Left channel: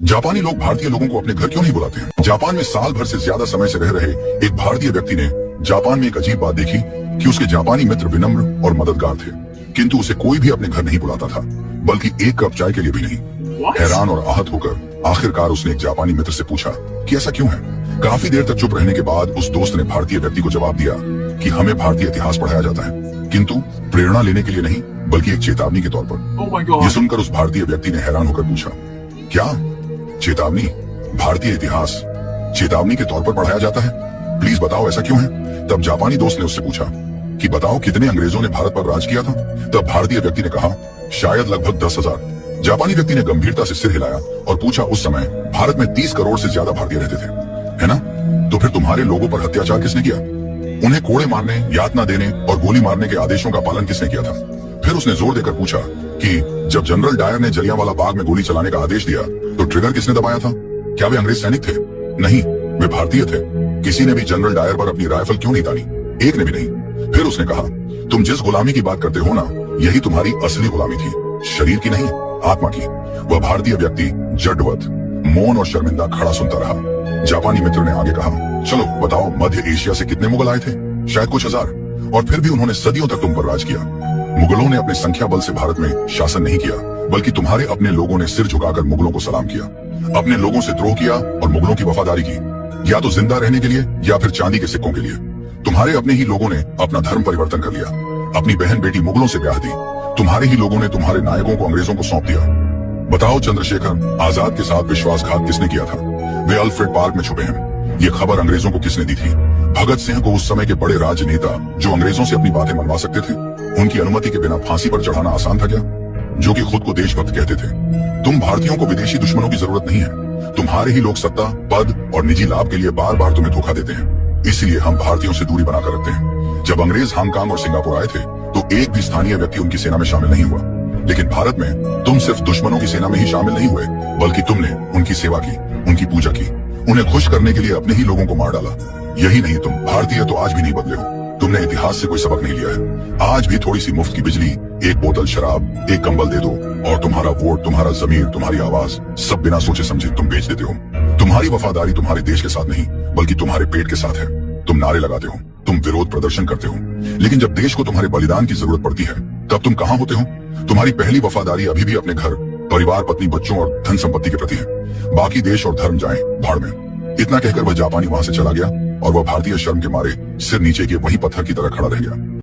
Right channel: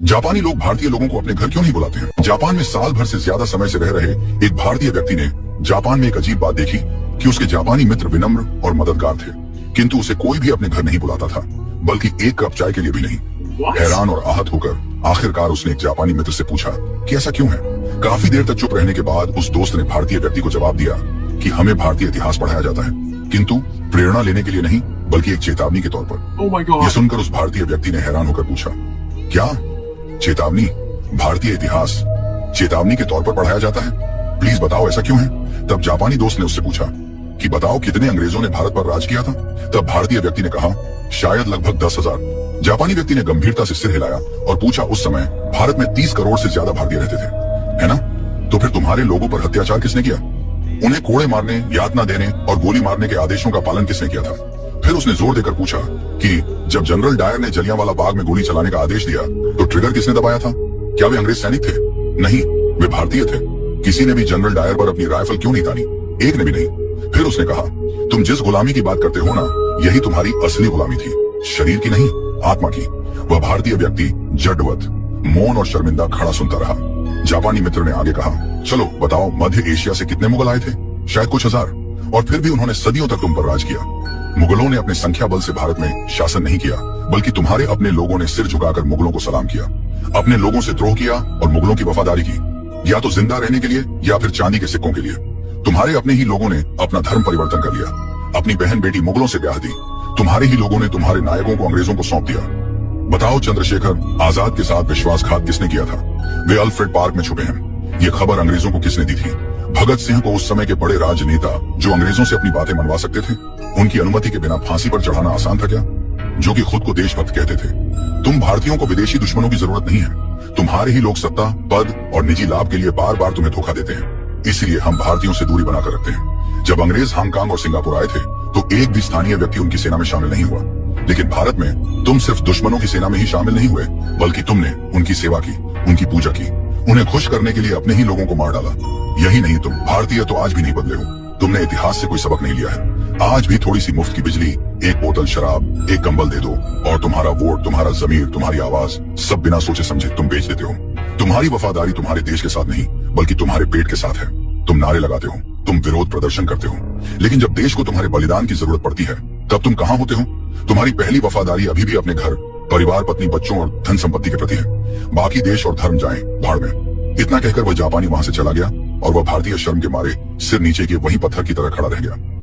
जापानी लोग भारतीय लोगों को अपने घर क्यों नहीं बुलाते हैं? जापान में साल भर से ज्यादा समय से रह रहे एक भारतीय व्यक्ति ने जापान में एक अजीब बात देखी कि उसके जापानी मित्र विनम्र और मददगार थे, किंतु उसे कोई भी अपने घर नहीं बुलाता था, बल्कि एक कप चाय के लिए भी नहीं। हैरान और आहत होकर आखिरकार उसने एक जापानी मित्र से पूछा कि ऐसा क्यों है। काफी देर तक चुप रहने के बाद उस दोस्त ने भारतीय व्यक्ति को जवाब दिया कि हमें भारतीय इतिहास पढ़ाया जाता है, किंतु प्रेरणा लेने के लिए नहीं, बल्कि एक चेतावनी के तौर पर। यह सुनकर उस भारतीय व्यक्ति ने हैरान होकर पूछा, क्या चेतावनी? भारतीय इतिहास चेतावनी के तौर पर पढ़ाया जाता है? प्लीज बताओ ऐसा क्यों है? तब जापानी दोस्त ने उससे पूछा कि बताओ कितने अंग्रेजों ने भारत पर राज किया था? तब भारतीय व्यक्ति ने कहा, शायद लगभग 10,000। जापानी व्यक्ति ने गंभीरता से सिर हिलाया और पूछा, उस समय भारत में 30 करोड़ से ज्यादा भारतीय रहते थे, है ना? तो फिर तुम्हारे लोगों पर अत्याचार किसने किया? उन्हें कोड़े मारने, यातना देने और गोली मारने के आदेशों का पालन किसने किया था? फिर उसने जोर देकर पूछा कि जब जनरल डायर ने जलियांवाला बाग में गोली चलाने का आदेश दिया तो ट्रिगर किसने दबाया था? क्या वे अंग्रेज सैनिक थे? नहीं, वे भारतीय थे। किसी ने भी जनरल डायर पर अपनी राइफल क्यों नहीं तानी? एक ने भी नहीं। फिर उसने कहा, तुम जिस गुलामी की बात करते हो ना, यही तुम्हारी असली गुलामी थी, शरीर की नहीं, आत्मा की। वह भारतीय व्यक्ति जडवत, मौन और शर्मिंदा खड़ा सुनता रहा। जापानी मित्र ने आगे कहा, चलो बताओ, मध्य एशिया से कितने मुगल आए थे? शायद कुछ हजार, और फिर भी उन्होंने सदियों तक तुम पर राज किया। मुगलों ने अपने संख्या बल से भारत में शासन नहीं किया, बल्कि तुम्हारे अपने लोगों ने सिर झुकाकर मुगलों को सलाम किया, अपने लोगों से द्रोह किया और मुगलों की वफादारी की, या तो जिंदा रहने के लिए या फिर चांदी के सिक्कों के लिए। तुम्हारे अपने ही लोगों ने अपना धर्म परिवर्तन कर लिया, अपनी बहन बेटी मुगलों से ब्याह दी। तुम्हारे ही लोगों ने तुम्हारे नायकों को अंग्रेजों को सौंप दिया। बताओ, चंद्रशेखर आजाद के साथ विश्वासघात किसने किया था? वे अल्फ्रेड पार्क में छुपे हैं। ये खबर अंग्रेजों को किसने दी थी? भगत सिंह को, उस समय के बड़े राजनेता जो अंग्रेजों से अपनी बातें मनवा सकते थे। उनकी अनुमति के बिना फांसी पर चढ़ाना आसान था क्या? जो कि खुद को देशभक्त कहते थे। तुम भारतीयों को विदेशी दुश्मनों की जरूरत नहीं है। तुम्हारे ही लोग सत्ता, पद और निजी लाभ के लिए बार बार तुम्हें धोखा देते हैं। इसीलिए हम भारतीयों से दूरी बनाकर रखते हैं। जब अंग्रेज हांगकांग और सिंगापुर आए थे तो एक भी स्थानीय व्यक्ति उनकी सेना में शामिल नहीं हुआ, लेकिन भारत में तुम सिर्फ दुश्मनों की सेना में ही शामिल नहीं हुए, बल्कि तुमने उनकी सेवा की, उनकी पूजा की, उन्हें खुश करने के लिए अपने ही लोगों को मार डाला। यही नहीं, तुम भारतीय तो आज भी नहीं बदले हो। तुमने इतिहास से कोई सबक नहीं लिया है। आज भी थोड़ी सी मुफ्त की बिजली, एक बोतल शराब, एक कंबल दे दो और तुम्हारा वोट, तुम्हारा जमीर, तुम्हारी आवाज सब बिना सोचे समझे तुम बेच देते हो। तुम्हारी वफादारी तुम्हारे देश के साथ नहीं, बल्कि तुम्हारे पेट के साथ है। तुम नारे लगाते हो, तुम विरोध प्रदर्शन करते हो, लेकिन जब देश को तुम्हारे बलिदान की जरूरत पड़ती है तब तुम कहाँ होते हो? तुम्हारी पहली वफादारी अभी भी अपने घर, परिवार, पत्नी, बच्चों और धन संपत्ति के प्रति है। बाकी देश और धर्म जाएं भाड़ में। इतना कहकर वह जापानी वहां से चला गया और वह भारतीय शर्म के मारे सिर नीचे किए वही पत्थर की तरह खड़ा रह गया।